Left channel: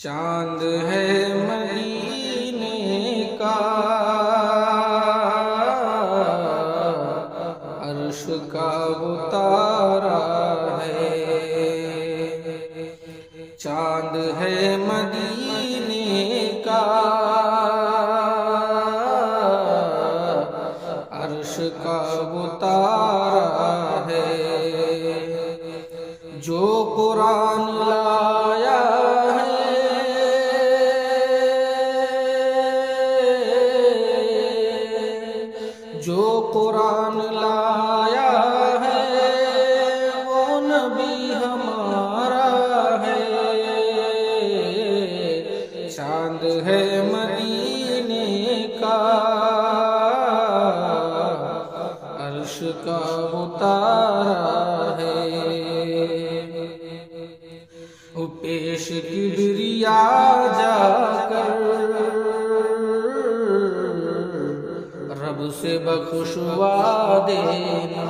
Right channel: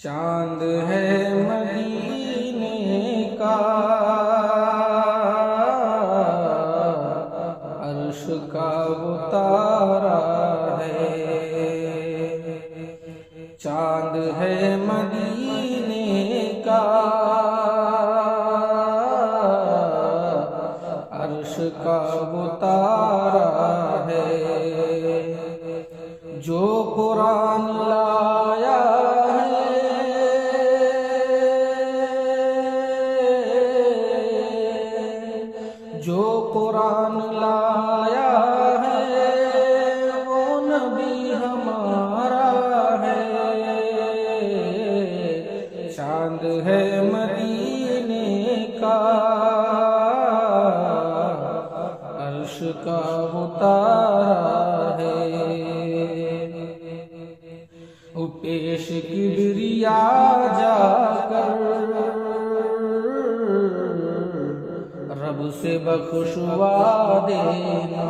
چاند ہے مدینے کا عرش کا وہ تارا ہے، چاند ہے مدینے کا عرش کا وہ تارا ہے، جو قرآن لایا جو قرآن لایا ہے وہ نبی ہمارا ہے، چاند ہے مدینے کا عرش کا وہ تارا ہے، پیش کبریا جا کر رب سے بخشوا دینا،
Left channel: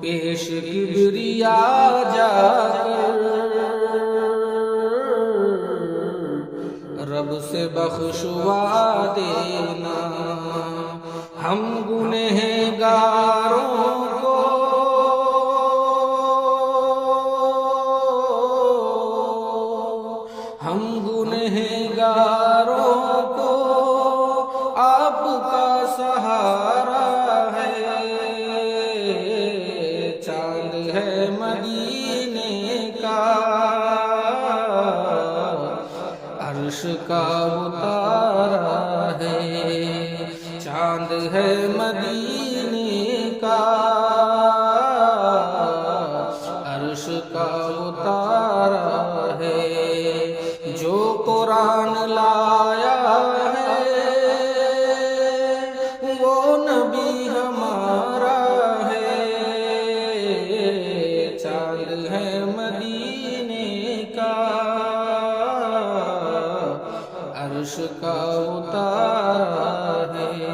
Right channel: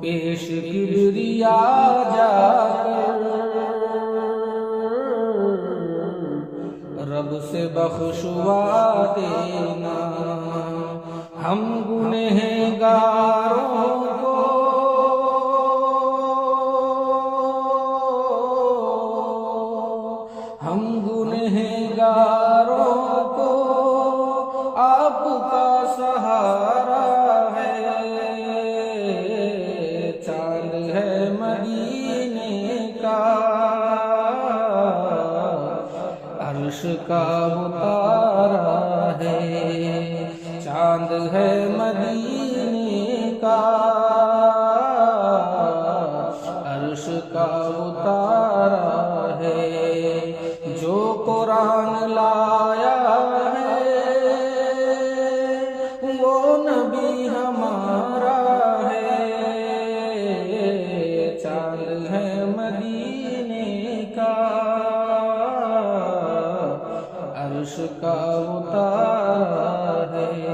پیش کبریا جا کر رب سے بخشوا دینا، ہم گنہگاروں کو آپ کا سہارا ہے، چاند ہے مدینے کا عرش کا وہ تارا ہے، چاند ہے مدینے کا عرش کا وہ تارا ہے، جو قرآن لایا ہے وہ نبی ہمارا ہے، چاند ہے مدینے کا عرش کا وہ تارا ہے۔